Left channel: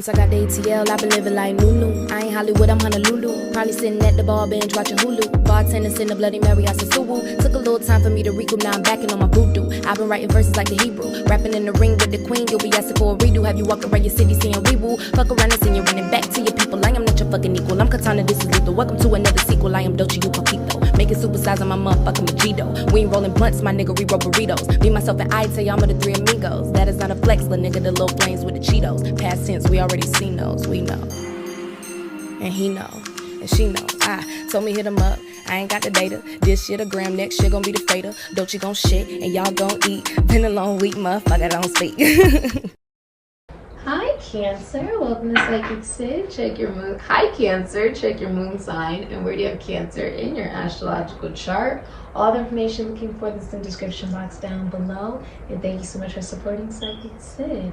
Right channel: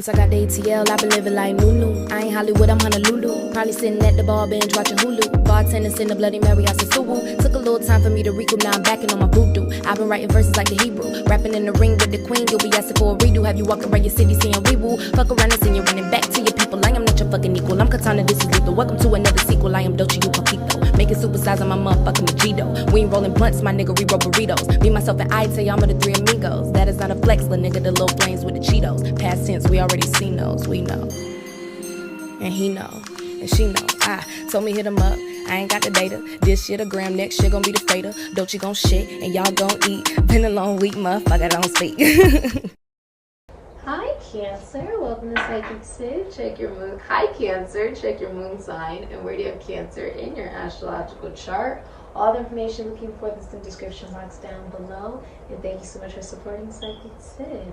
since I got the ATL, I've been living like Nunu. I ain't Hollywood, I'm Honolulu. Probably sitting at the bar bench watching Hulu. Bartenders in the Bloody Mary, I said Suwu. Took a little time for me to recoup, now I'm backing on my voodoo. I've been writing verses like the Hebrew. Rapping in the ring with the queen, you'll be asking for a redo. Have you walked around your city saying we woo? Fuck around and send you running back to your people. I am not your fucking equal. I'm Katana, this is lethal. Welcome to another sequel. I am Dolce, you Coquito. Making supersize on my motherfucking Mojito. We ain't rolling blunts, my nigga, we roll burritos. Me, myself, and I tell y'all I'm the three amigos. That is not a flex, little nigga, the little flames with the Cheetos. Past tense, we already seen those, we know. And he know, and she know. Told me hit him up, I ain't got the data. This shit a gram, next shit gon' be the fader. Dolce gon' shit, and y'all gon' eat. Been a long week, motherfucker, don't speak. Hi Cancer, welcome to Sikiksyd. Check your moon. Hi Cancer, check your moon sign and where do you have Cancer in your astrological chart. All the information looking for this in the description box down below. And thank you so much for supporting Sikiksyd.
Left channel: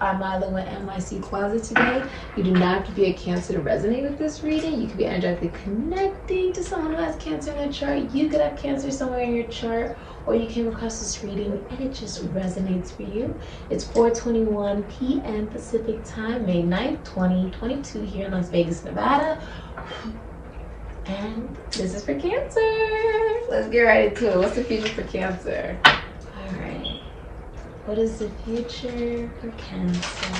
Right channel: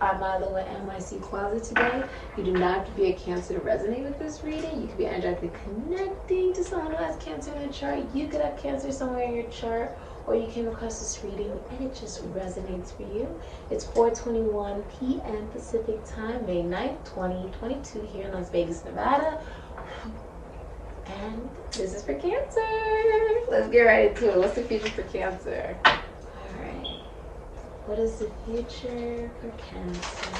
I'm modeling with NYC Closet today. You do not have to be a Cancer to resonate with this reading. You could be energetically connecting to someone who has Cancer in their chart. You could have Cancer somewhere in your chart, or you came across this reading and it just resonates for you. It's 4:21 p.m. Pacific time, May 9th, 2022 here in Las Vegas, Nevada. And this is for Cancer. Let's get right into it. What's the future for Cancer? All right. What is the future for Cancer?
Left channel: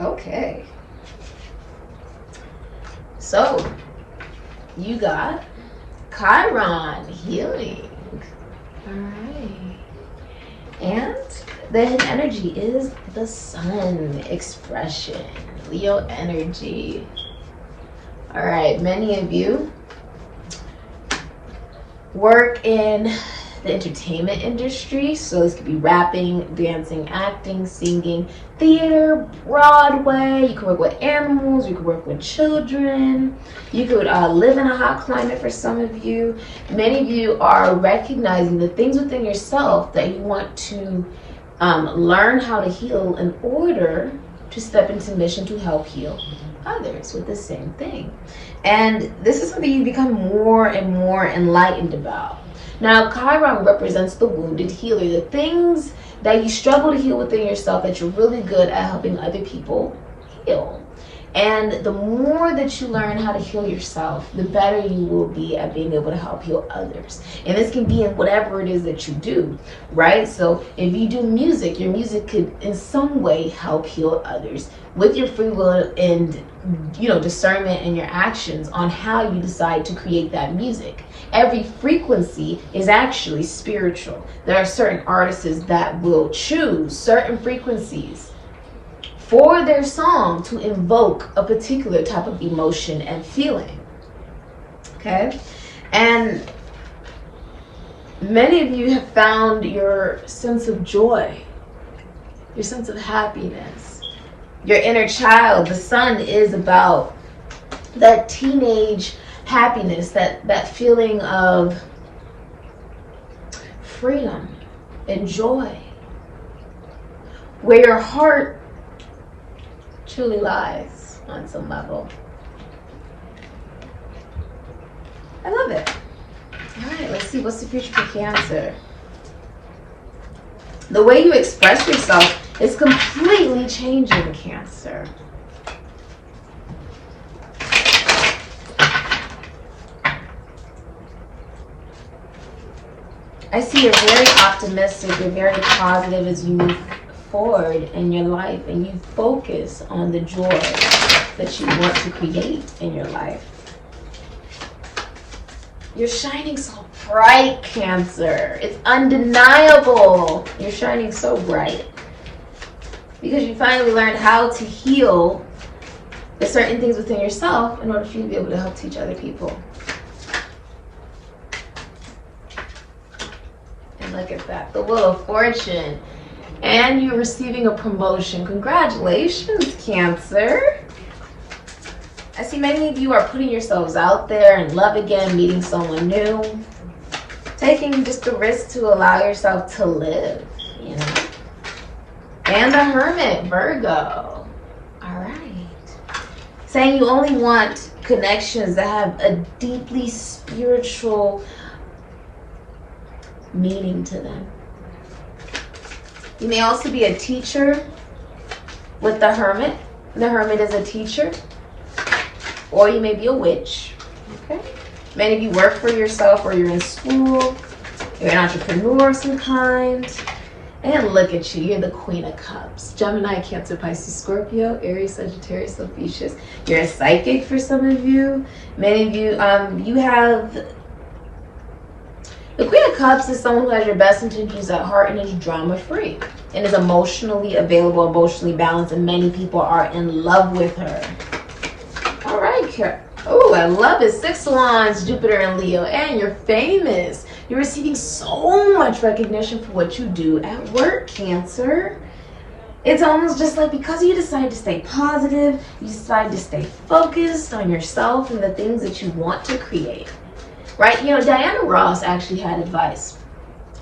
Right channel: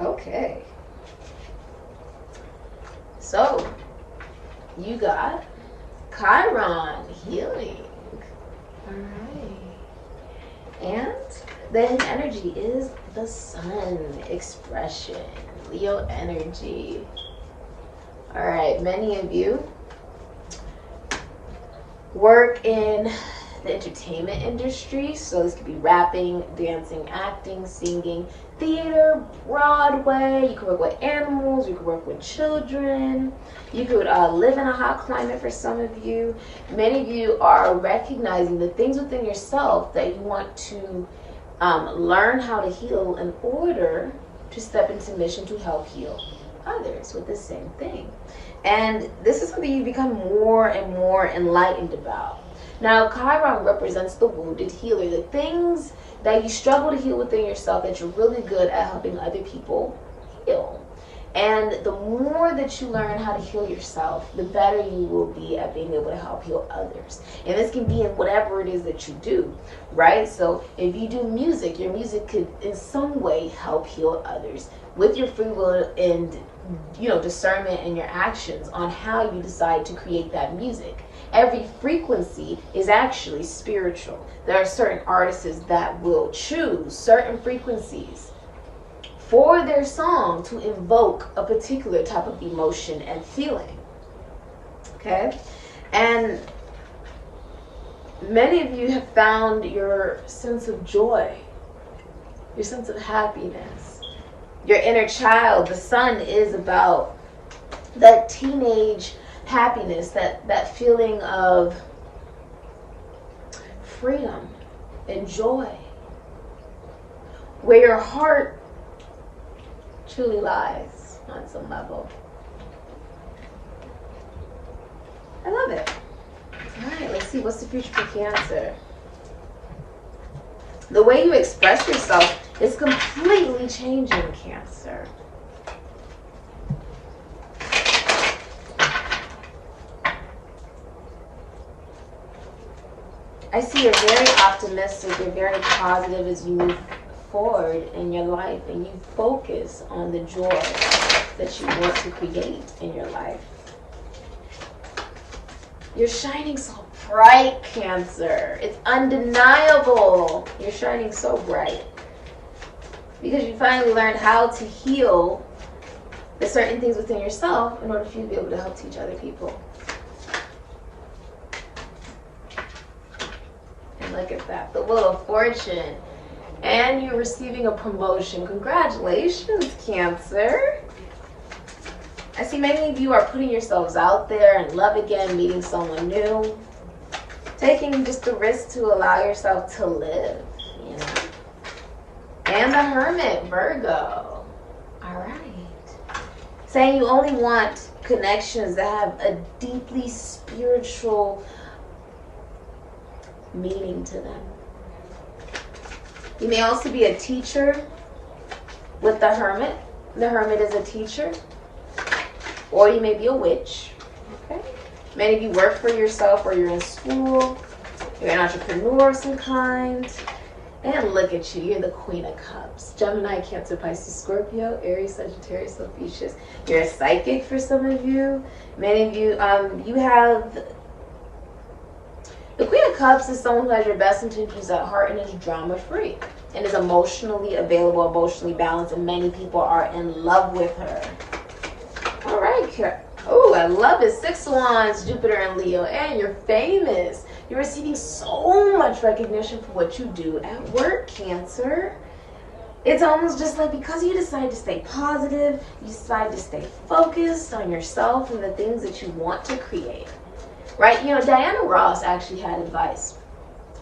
Okay. So, you got Chiron healing. Alright. And the hidden energy is the sun expression, Leo energy. Alright, many of you work in the entertainment industry, so this could be rapping, dancing, acting, singing, theater, Broadway. You could work with animals, you could work with children, you could live in a hot climate for some of you. Many of you are recognizing the things within yourself that you want to learn how to heal in order to step into mission to help heal others with the same thing. And this is something you become more and more enlightened about. Now, Chiron represents the wounded healer, the things that you struggle to heal within yourself that you're really good at helping other people heal. And the more that you learn how to heal yourself, the better you will be at being able to help heal others. And this can be in whatever it is that you do, right? So if you do music, your music could in some way help heal others with your free will and, you know, discernment in your actions on how you decide to create that music. Every frequency is actually spiritual. There are certain artists that will choose certain frequencies for their song to invoke a particular type of emotion and feeling. Okay? And many of you have found your sense of joy, your sense of happiness, your inner child. The sun is about that teenage happiness, that feeling of freedom and joy, where your heart truly lies on some level. I love it. All right, let's see, what's the future for Cancer? The way you express yourself is completely changing, Cancer. I see you're very optimistic, you're very positive as you move forward in your life and you focus on the joy that you want to create in your life. You're shining so bright, Cancer. It's undeniable. You're shining so bright because you finally learned how to heal the certain things within yourself in order for you to be able to help teach other people. And look at that, the Wheel of Fortune. And you're receiving a promotion. Congratulations, Cancer. I see many of you are putting yourselves out there in love again, meeting someone new, taking just the risk to allow yourself to live, you know. And the Hermit, Virgo. All right. Saying you only want connections that have a deeply spiritual meaning to them. You may also be a teacher with the Hermit. The Hermit is a teacher. Or you may be a witch. Okay? Many of you work for yourself, or you're in school. You're an entrepreneur of some kind. And look at you, you're the Queen of Cups. Gemini, Cancer, Pisces, Scorpio, Aries, Sagittarius, Ophiuchus. You're a psychic for some of you. Many of you, you have... The Queen of Cups is someone who has your best intentions at heart and is drama-free. And is emotionally available, emotionally balanced, and many people are in love with her. All right, oh, I love it. 6 of Wands, Jupiter and Leo, and you're famous. You're receiving so much recognition for what you do at work, Cancer. It's almost just like because you decide to stay positive, you decide to stay focused on yourself and the things that you want to create, right? You know, Diana Ross actually had advice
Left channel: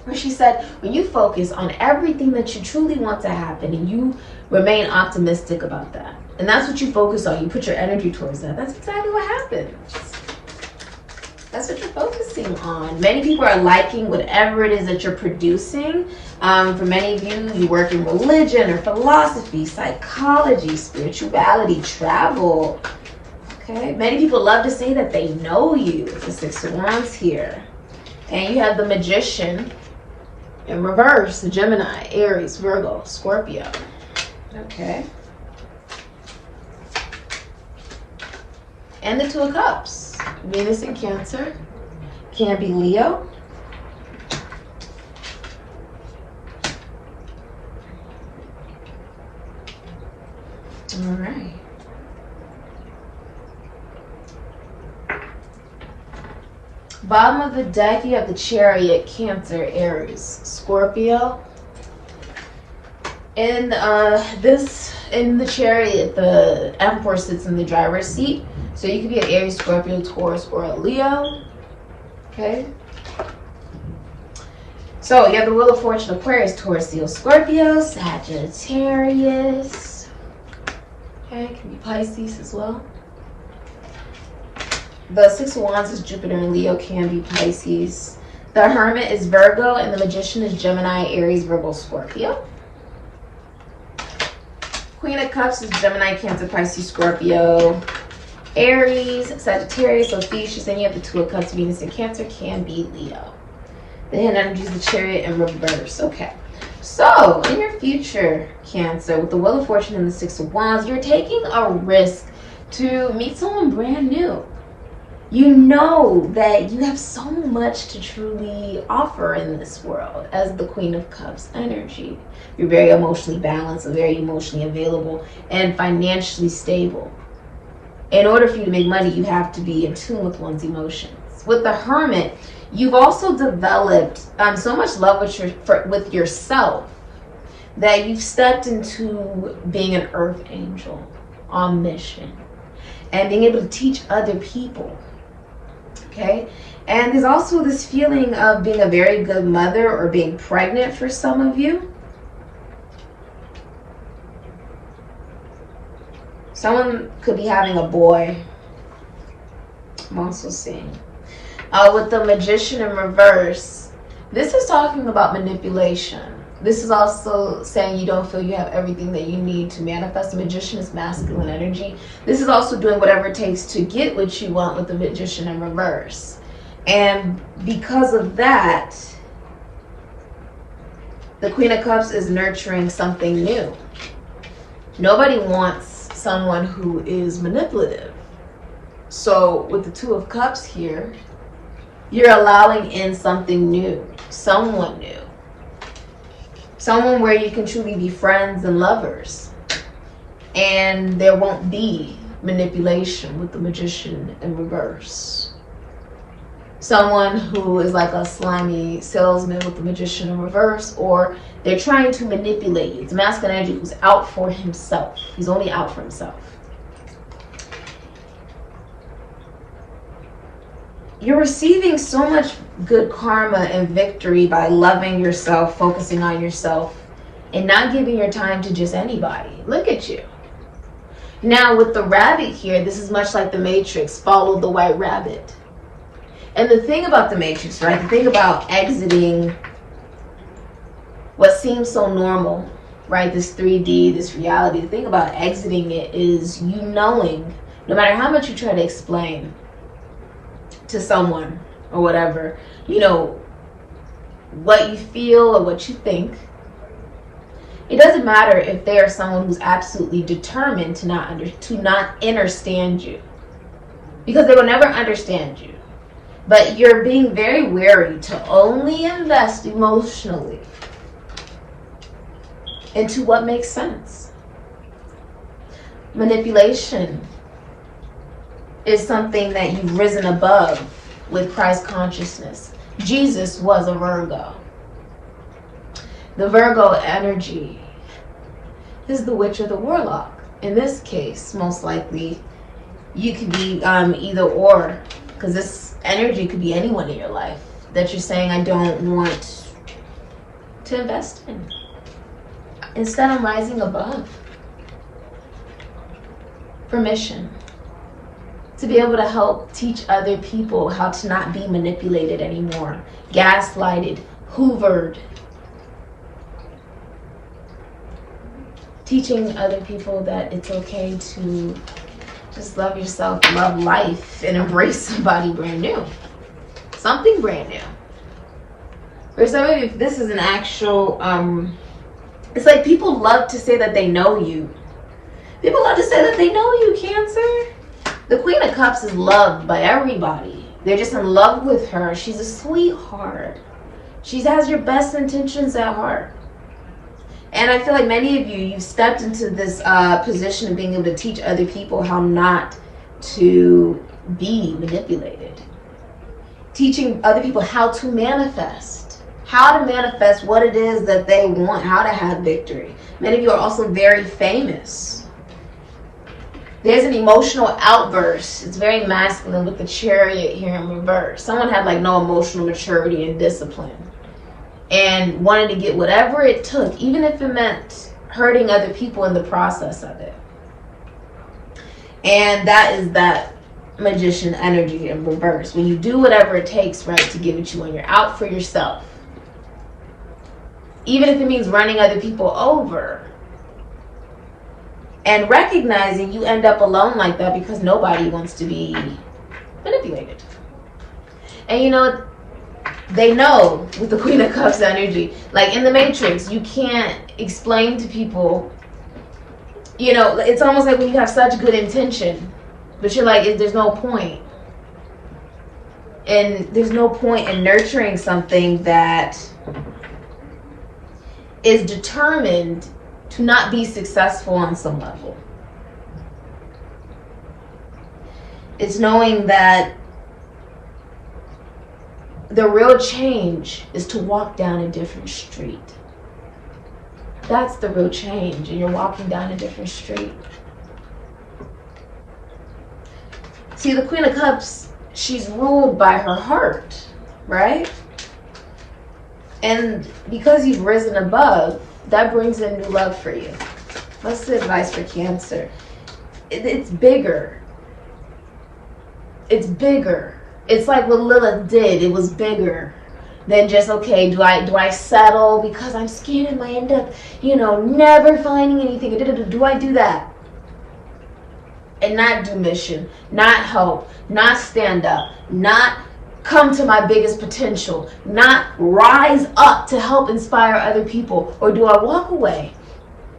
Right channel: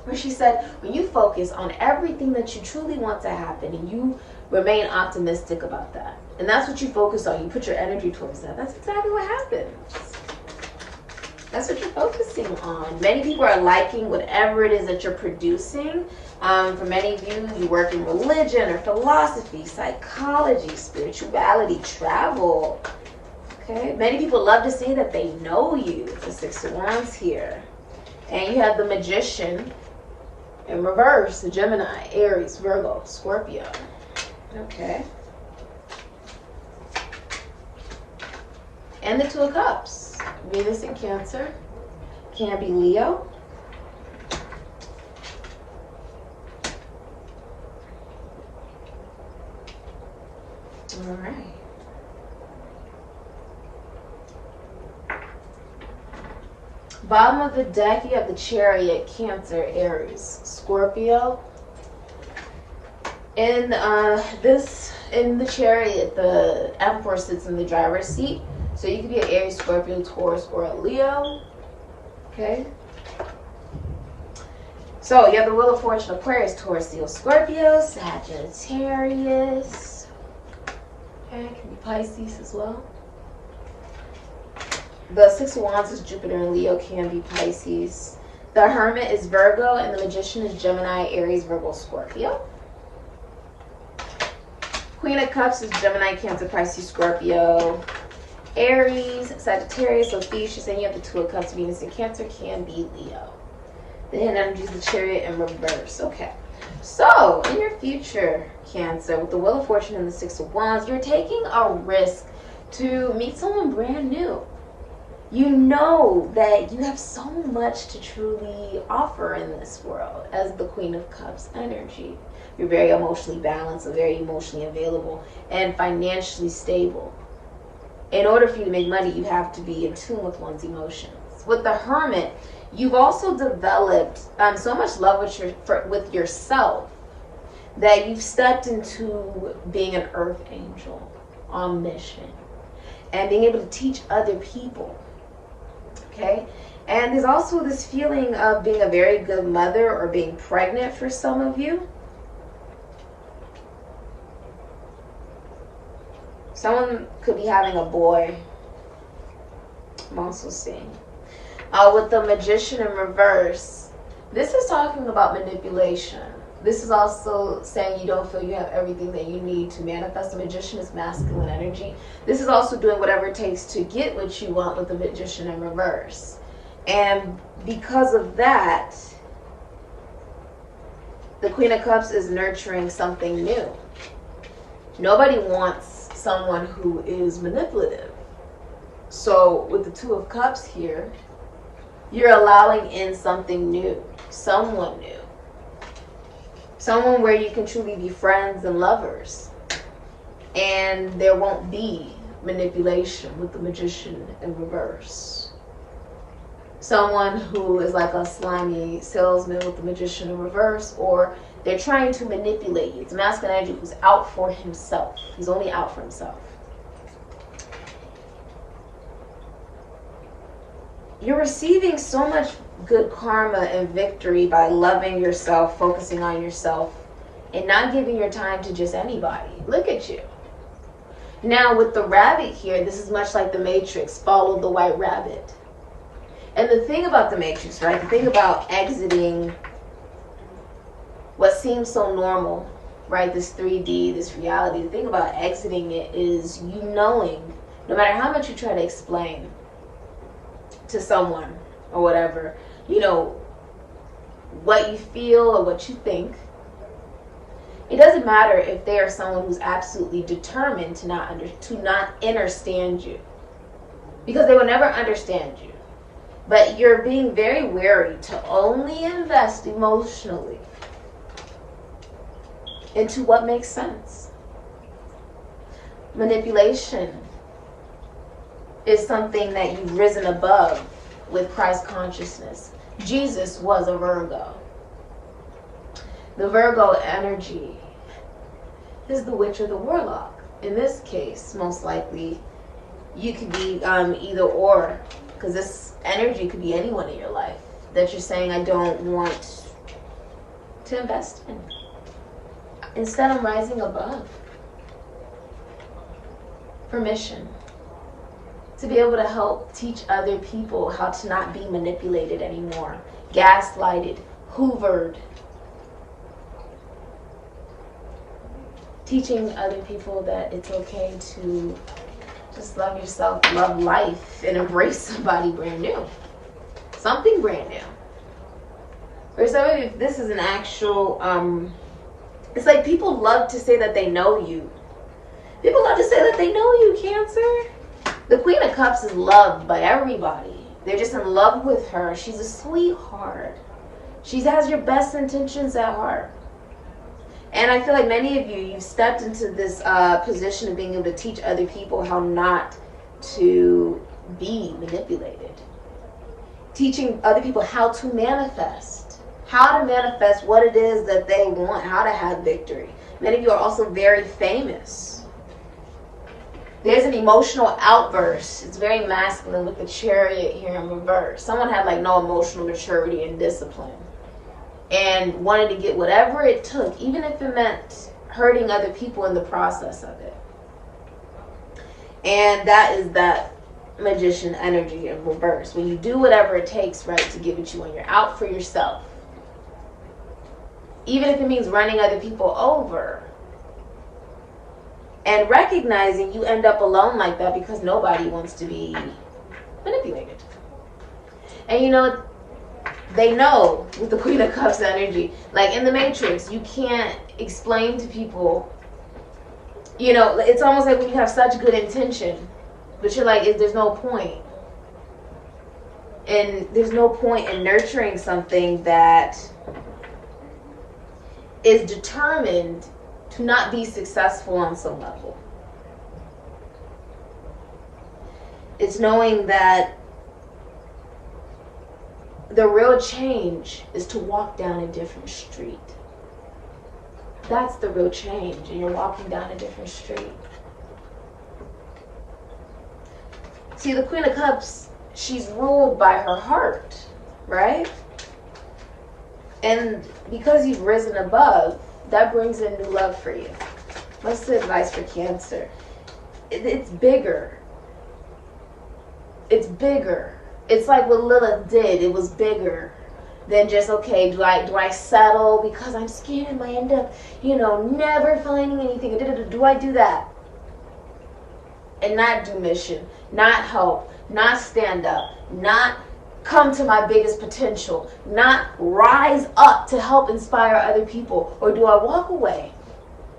where she said, when you focus on everything that you truly want to happen and you remain optimistic about that, and that's what you focus on, you put your energy towards that, that's exactly what happens. That's what you're focusing on. Many people are liking whatever it is that you're producing. For many of you, you work in religion or philosophy, psychology, spirituality, travel. Okay, many people love to say that they know you. The 6 of Wands here. And you have the Magician in reverse, the Gemini, Aries, Virgo, Scorpio. Okay. And the 2 of Cups. Venus in Cancer. Can be Leo. All right. Bottom of the deck, you have the Chariot, Cancer, Aries, Scorpio. In the Chariot, the Emperor sits in the driver's seat. So you could be an Aries, Scorpio, Taurus, or a Leo. Okay. So you have the Wheel of Fortune, Aquarius, Taurus, Leo, Scorpio, Sagittarius. Okay, it can be Pisces as well. The 6 of Wands is Jupiter and Leo, can be Pisces. The Hermit is Virgo, and the Magician is Gemini, Aries, Virgo, Scorpio. Queen of Cups is Gemini, Cancer, Pisces, Scorpio, Aries, Sagittarius, Ophiuchus, and you have the 2 of Cups, Venus in Cancer, can be Leo. The hidden energy is the Chariot in reverse. Okay. So, in your future, Cancer, with the Wheel of Fortune and the 6 of Wands, you're taking a risk to meet someone brand new. You know that you have so much to truly offer in this world as the Queen of Cups energy. You're very emotionally balanced and very emotionally available and financially stable. In order for you to make money, you have to be in tune with one's emotions. With the Hermit, you've also developed so much love with yourself that you've stepped into being an earth angel on mission and being able to teach other people. Okay, and there's also this feeling of being a very good mother or being pregnant for some of you. Someone could be having a boy. I'm also seeing. With the Magician in reverse, this is talking about manipulation. This is also saying you don't feel you have everything that you need to manifest. The Magician is masculine energy. This is also doing whatever it takes to get what you want with the Magician in reverse. And because of that, the Queen of Cups is nurturing something new. Nobody wants someone who is manipulative. So with the 2 of Cups here, you're allowing in something new, someone new. Someone where you can truly be friends and lovers. And there won't be manipulation with the Magician in reverse. Someone who is like a slimy salesman with the Magician in reverse, or they're trying to manipulate you. It's masculine energy who's out for himself. He's only out for himself. You're receiving so much good karma and victory by loving yourself, focusing on yourself, and not giving your time to just anybody. Look at you. Now with the rabbit here, this is much like the Matrix, follow the white rabbit. And the thing about the Matrix, right? The thing about exiting what seems so normal, right? This 3D, this reality. The thing about exiting it is you knowing, no matter how much you try to explain to someone or whatever, you know, what you feel or what you think, it doesn't matter if they are someone who's absolutely determined to not understand you, because they will never understand you. But you're being very wary to only invest emotionally into what makes sense. Manipulation is something that you've risen above with Christ consciousness. Jesus was a Virgo. The Virgo energy is the witch or the warlock. In this case, most likely, you could be either or, because this energy could be anyone in your life that you're saying, I don't want to invest in. Instead, I'm rising above. Permission to be able to help teach other people how to not be manipulated anymore, gaslighted, hoovered. Teaching other people that it's okay to just love yourself, love life, and embrace somebody brand new. Something brand new. For some of you, this is an actual, it's like people love to say that they know you. People love to say that they know you, Cancer. The Queen of Cups is loved by everybody. They're just in love with her. She's a sweetheart. She has your best intentions at heart. And I feel like many of you, you've stepped into this position of being able to teach other people how not to be manipulated. Teaching other people how to manifest. How to manifest what it is that they want. How to have victory. Many of you are also very famous. There's an emotional outburst. It's very masculine with the Chariot here in reverse. Someone had like no emotional maturity and discipline, and wanted to get whatever it took, even if it meant hurting other people in the process of it. And that is that Magician energy in reverse. When you do whatever it takes, right, to give it you when you're out for yourself. Even if it means running other people over. And recognizing you end up alone like that because nobody wants to be manipulated. And you know, they know with the Queen of Cups energy, like in the Matrix, you can't explain to people, you know, it's almost like when you have such good intention, but you're like, there's no point. And there's no point in nurturing something that is determined to not be successful on some level. It's knowing that the real change is to walk down a different street. That's the real change, and you're walking down a different street. See, the Queen of Cups, she's ruled by her heart, right? And because you've risen above, that brings in new love for you. What's the advice for Cancer? It's bigger. It's bigger. It's like what Lilith did. It was bigger than just, okay, do I settle because I'm scared I might end up, you know, never finding anything. Do I do that? And not do mission, not help, not stand up, not come to my biggest potential, not rise up to help inspire other people? Or do I walk away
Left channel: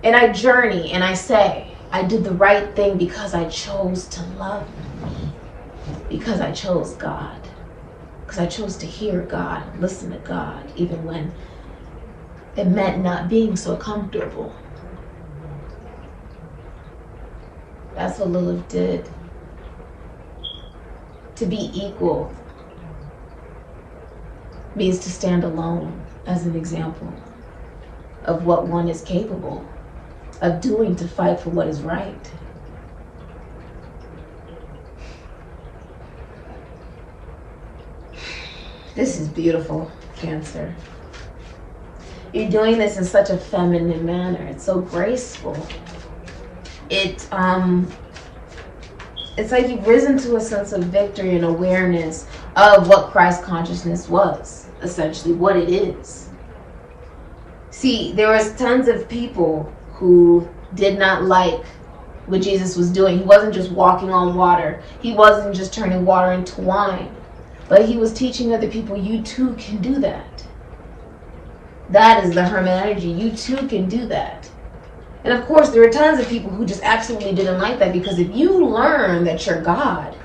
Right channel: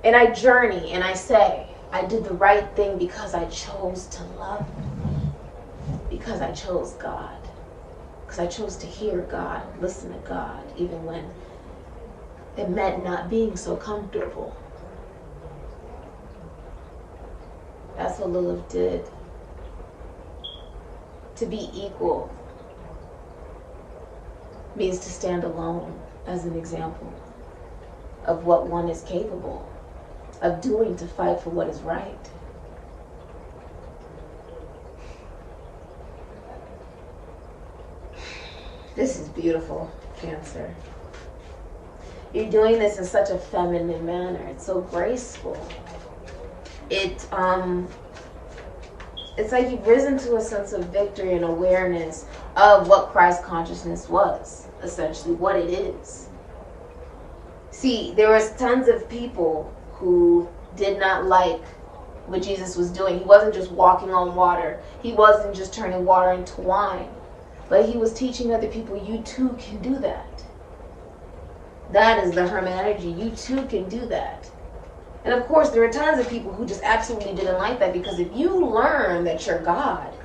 and I journey and I say, I did the right thing because I chose to love, because I chose God, because I chose to hear God, listen to God, even when it meant not being so comfortable. That's what Lilith did. To be equal means to stand alone as an example of what one is capable of doing to fight for what is right. This is beautiful, Cancer. You're doing this in such a feminine manner. It's so graceful. It's like you've risen to a sense of victory and awareness of what Christ consciousness was, essentially what it is. See, there was tons of people who did not like what Jesus was doing. He wasn't just walking on water. He wasn't just turning water into wine. But he was teaching other people, you too can do that. That is the Herman energy. You too can do that. And of course, there were tons of people who just absolutely didn't like that, because if you learn that you're God,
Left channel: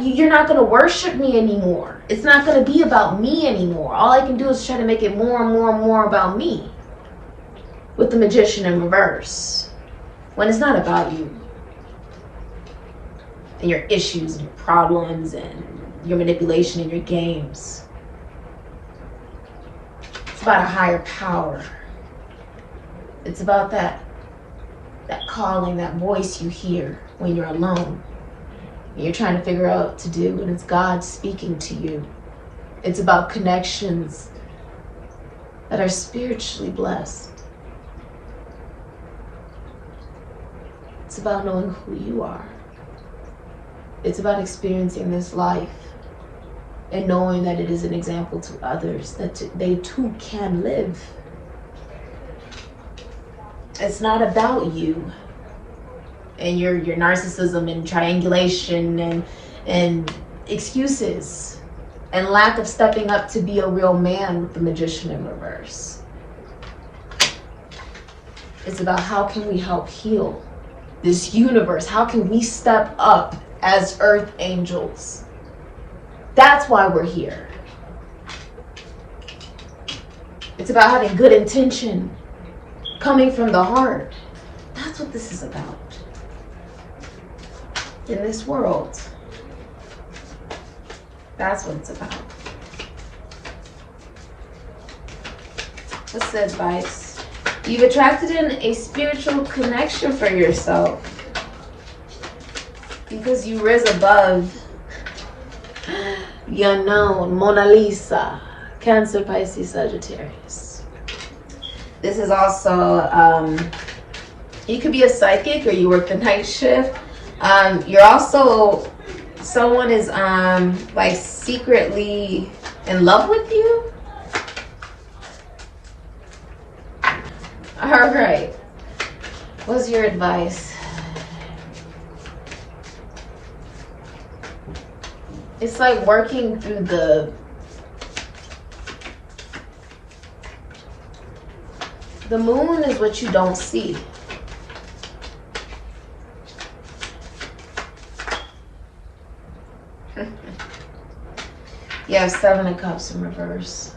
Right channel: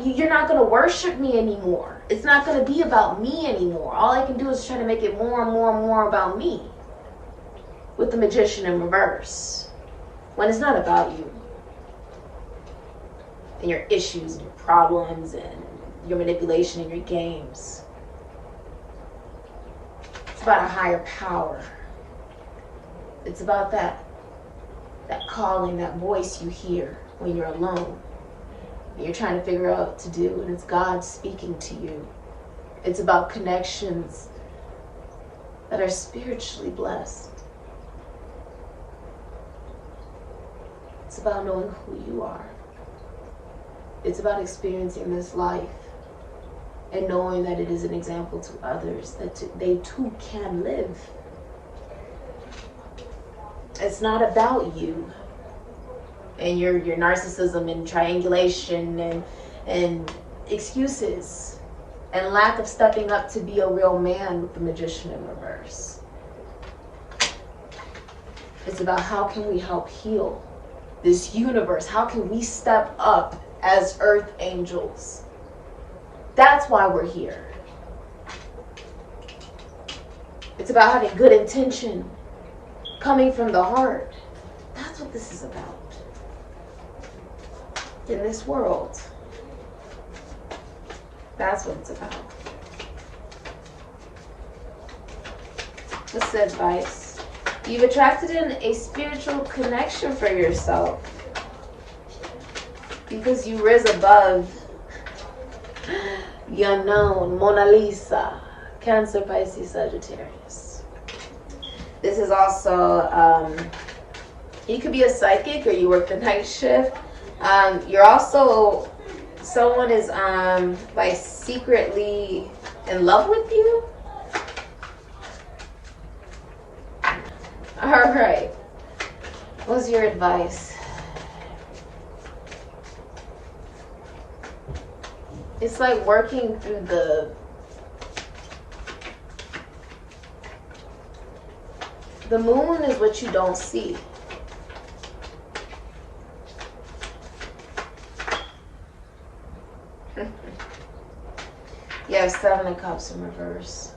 you're not going to worship me anymore. It's not going to be about me anymore. All I can do is try to make it more and more and more about me with the magician in reverse, when it's not about you and your issues and your problems and your manipulation and your games. It's about a higher power. It's about that calling, that voice you hear when you're alone. You're trying to figure out what to do, and it's God speaking to you. It's about connections that are spiritually blessed. It's about knowing who you are. It's about experiencing this life and knowing that it is an example to others, that they too can live. It's not about you and your narcissism and triangulation and excuses and lack of stepping up to be a real man with the magician in reverse. It's about how can we help heal this universe? How can we step up as earth angels? That's why we're here. It's about having good intention, coming from the heart. That's what this is about in this world. That's what it's about. What's the advice? You've attracted in a spiritual connection for yourself because you rose above the unknown. Mona Lisa, Cancer, Pisces, Sagittarius. This is also, you could be a psychic or you work the night shift. You're also, someone is like secretly in love with you. All right. What's your advice? It's like working through the moon is what you don't see. You have 7 of Cups in reverse.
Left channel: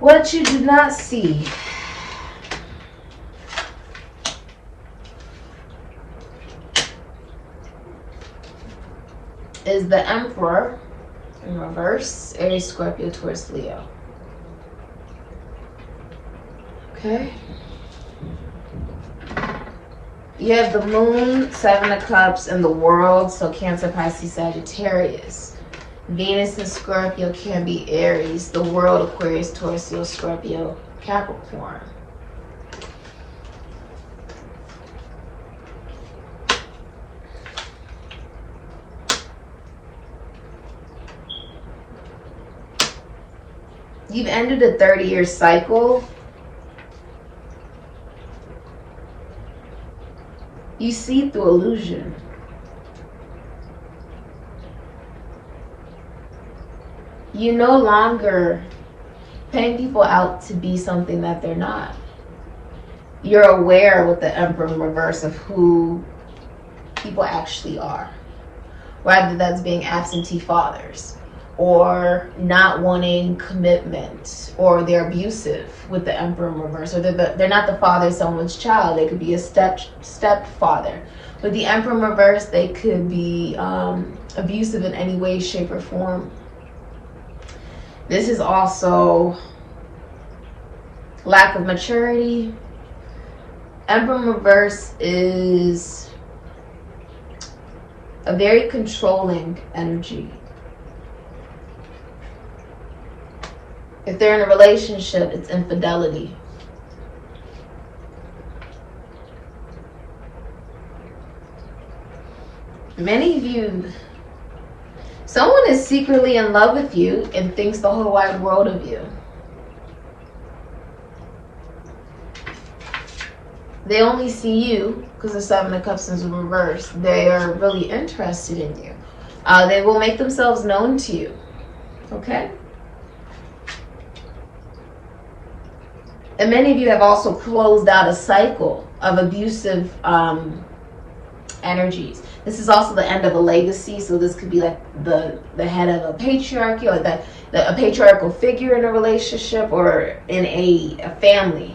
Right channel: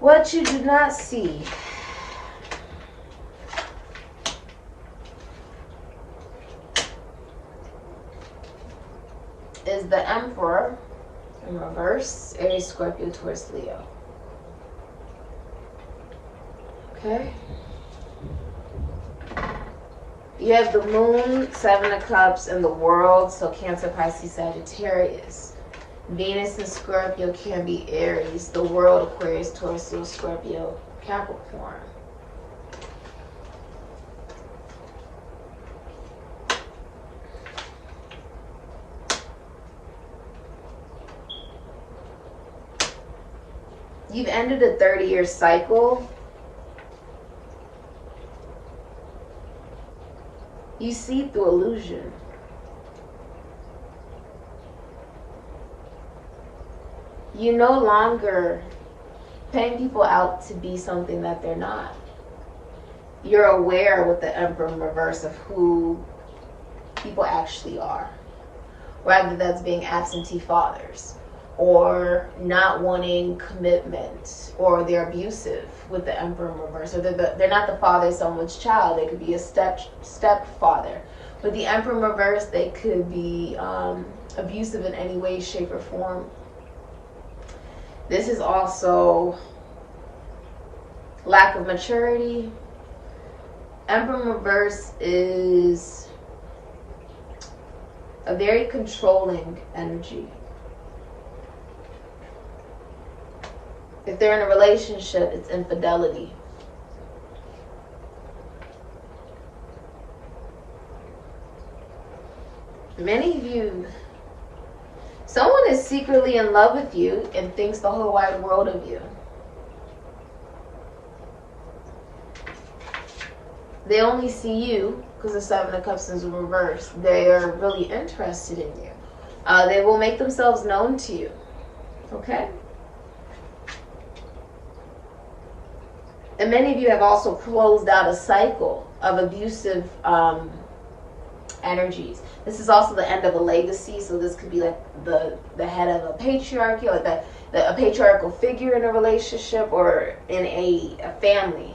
What you do not see is the Emperor in reverse, Aries, Scorpio, Taurus, Leo. Okay. You have the Moon, 7 of Cups, and the World, so Cancer, Pisces, Sagittarius. Venus and Scorpio can be Aries. The World, Aquarius, Taurus, Leo, Scorpio, Capricorn. You've ended a 30-year cycle. You see through illusion. You no longer paying people out to be something that they're not. You're aware with the Emperor in reverse of who people actually are. Whether that's being absentee fathers or not wanting commitment, or they're abusive with the Emperor in reverse, or they're not the father of someone's child. They could be a stepfather. With the Emperor in reverse, they could be abusive in any way, shape, or form. This is also lack of maturity. Emperor in reverse is a very controlling energy. If they're in a relationship, it's infidelity. Many of you, someone is secretly in love with you and thinks the whole wide world of you. They only see you because the Seven of Cups is in reverse. They are really interested in you. They will make themselves known to you. Okay? And many of you have also closed out a cycle of abusive energies. This is also the end of a legacy, so this could be like the head of a patriarchy, or a patriarchal figure in a relationship or in a family.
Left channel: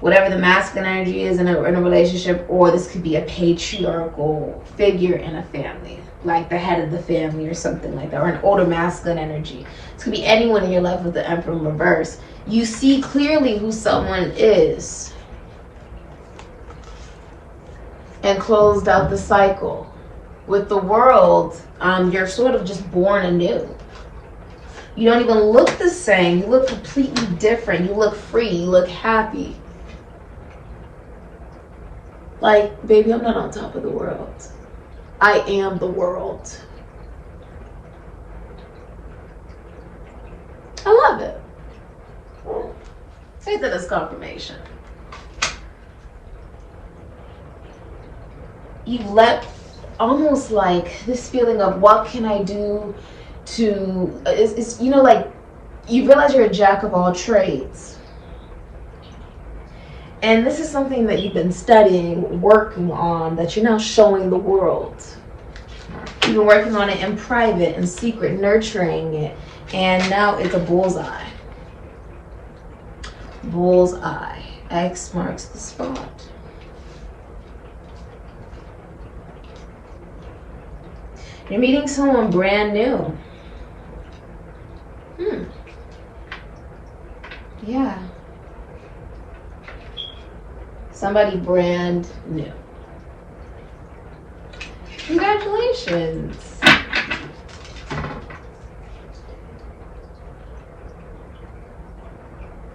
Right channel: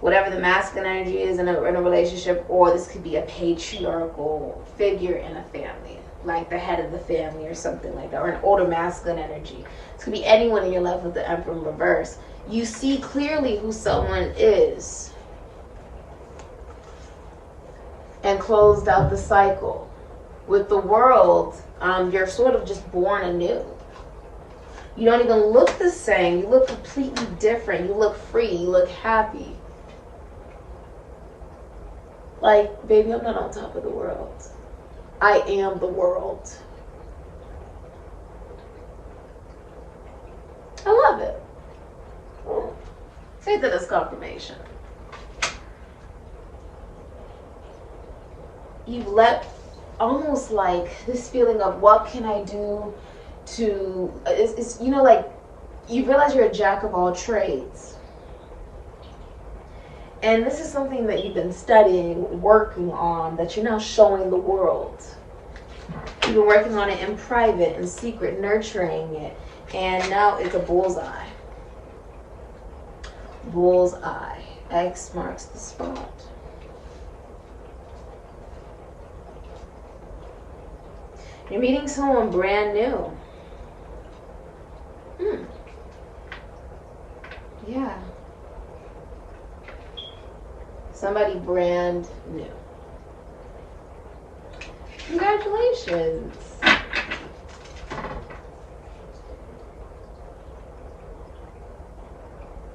Whatever the masculine energy is in a relationship, or this could be a patriarchal figure in a family, like the head of the family or something like that, or an older masculine energy. This could be anyone in your life with the Emperor in reverse. You see clearly who someone is and closed out the cycle. With the world, you're sort of just born anew. You don't even look the same. You look completely different. You look free. You look happy. Like, baby, I'm not on top of the world. I am the world. I love it. Take that as confirmation. You've let almost like this feeling of what can I do to, it's you know, like you realize you're a jack of all trades. And this is something that you've been studying, working on, that you're now showing the world. You've been working on it in private, in secret, nurturing it. And now it's a bullseye. Bullseye. X marks the spot. You're meeting someone brand new. Yeah. Somebody brand new. Congratulations.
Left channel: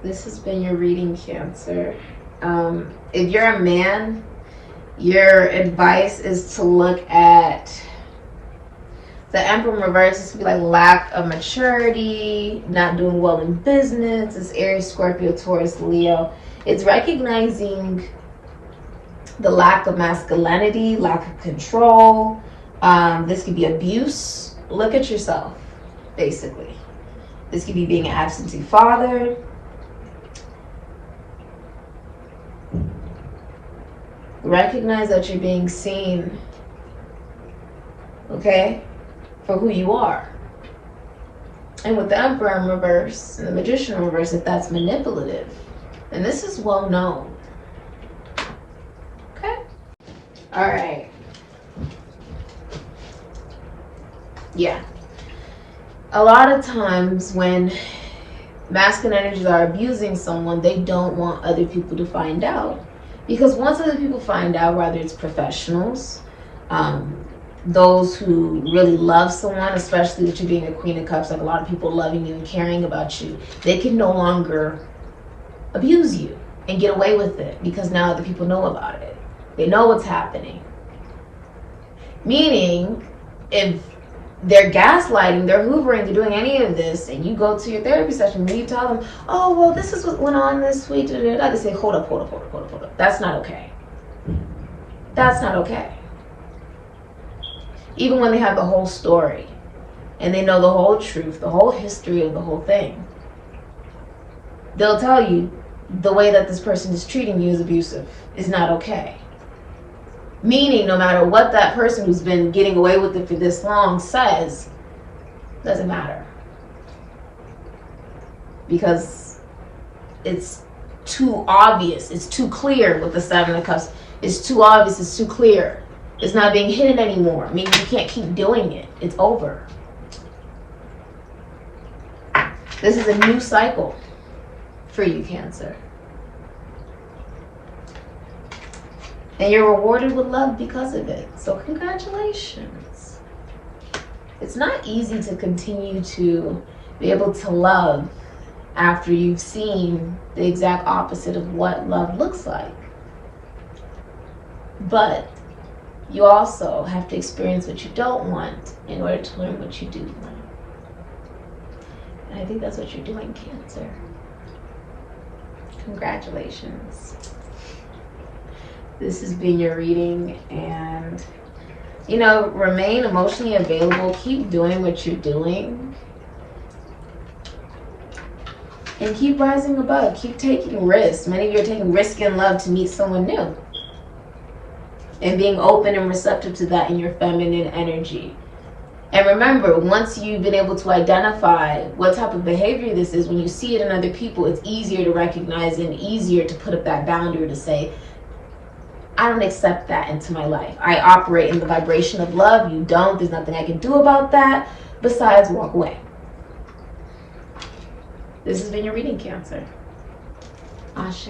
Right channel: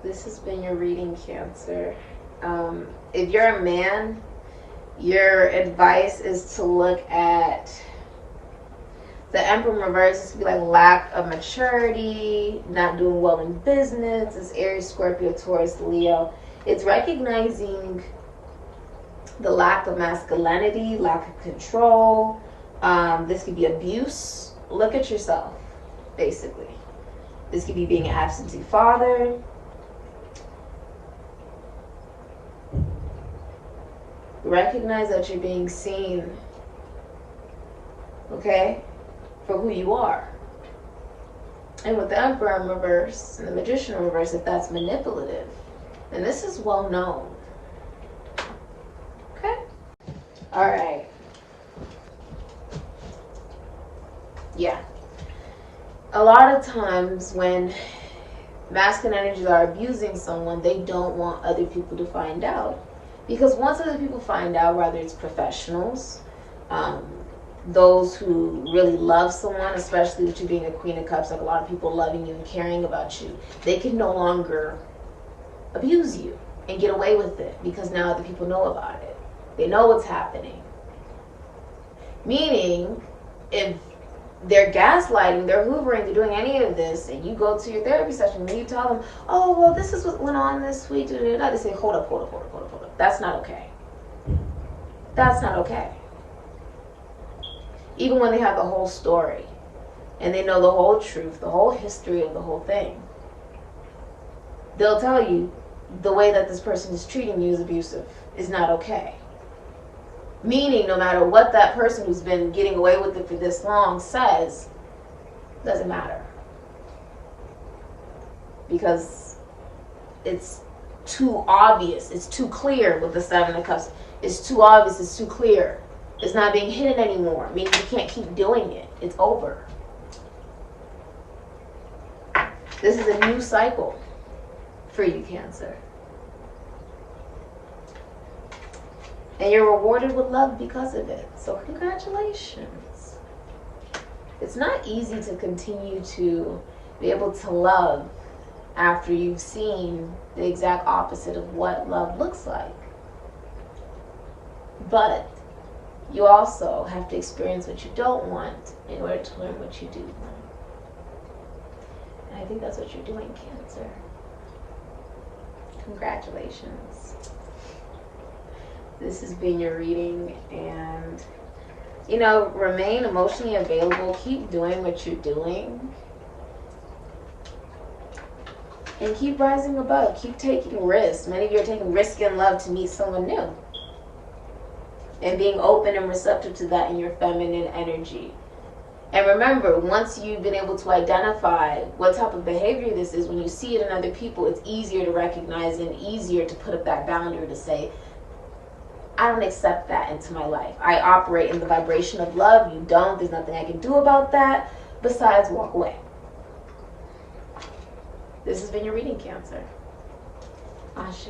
This has been your reading, Cancer. If you're a man, your advice is to look at the Emperor in reverse. This could be like lack of maturity, not doing well in business. It's Aries, Scorpio, Taurus, Leo. It's recognizing the lack of masculinity, lack of control. This could be abuse. Look at yourself, basically. This could be being an absentee father. Recognize that you're being seen, okay, for who you are. And with the Emperor in reverse and the Magician in reverse, if that's manipulative, and this is well known. Okay? All right. Yeah. A lot of times when masculine energies are abusing someone, they don't want other people to find out. Because once other people find out, whether it's professionals, those who really love someone, especially with you being a Queen of Cups, like a lot of people loving you and caring about you, they can no longer abuse you and get away with it because now other people know about it. They know what's happening. Meaning, if they're gaslighting, they're hoovering, they're doing any of this, and you go to your therapy session and you tell them, oh, well, this is what went on this week, they say, hold up. That's not okay. That's not okay. Even when they have the whole story and they know the whole truth, the whole history of the whole thing, they'll tell you the way that this person is treating you is abusive, is not okay. Meaning, no matter what that person who's been getting away with it for this long says, doesn't matter. Because it's too obvious, it's too clear with the Seven of Cups. It's too obvious, it's too clear. It's not being hidden anymore, meaning you can't keep doing it. It's over. This is a new cycle for you, Cancer. And you're rewarded with love because of it. So congratulations. It's not easy to continue to be able to love after you've seen the exact opposite of what love looks like. But you also have to experience what you don't want in order to learn what you do want. And I think that's what you're doing, Cancer. Congratulations. This has been your reading, and you know, remain emotionally available. Keep doing what you're doing. And keep rising above. Keep taking risks. Many of you are taking risk in love to meet someone new. And being open and receptive to that in your feminine energy. And remember, once you've been able to identify what type of behavior this is, when you see it in other people, it's easier to recognize and easier to put up that boundary to say, I don't accept that into my life. I operate in the vibration of love. You don't. There's nothing I can do about that besides walk away. This has been your reading, Cancer. Ashe.